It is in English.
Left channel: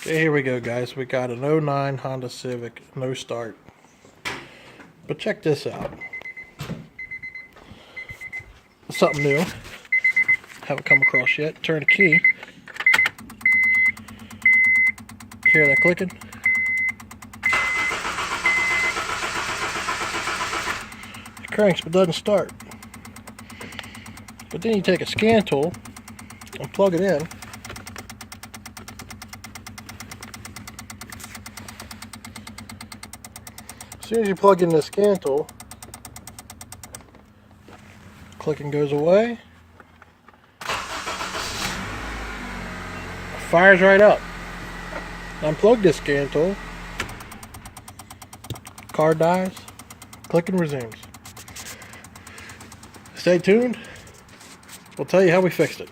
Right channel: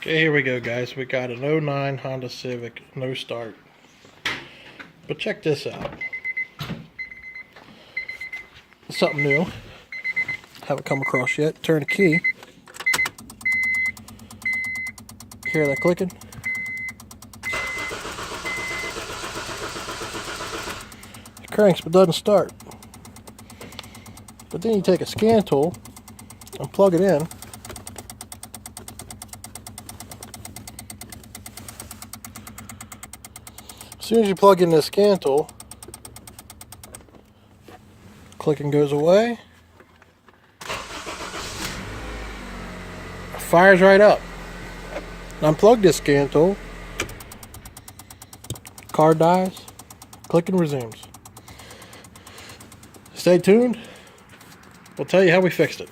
Okay, here we go, guys. We got an '09 Honda Civic, no start. But check this out. Something new. Haven't come across yet. Turn the key. Hear that clicking? It cranks but doesn't start. But then you take a scan tool and plug it in. As soon as you plug in the scan tool, clicking goes away. Fires right up. Unplug this scan tool. Car dies. Clicking resumes. Stay tuned. We'll tell you how we fixed it.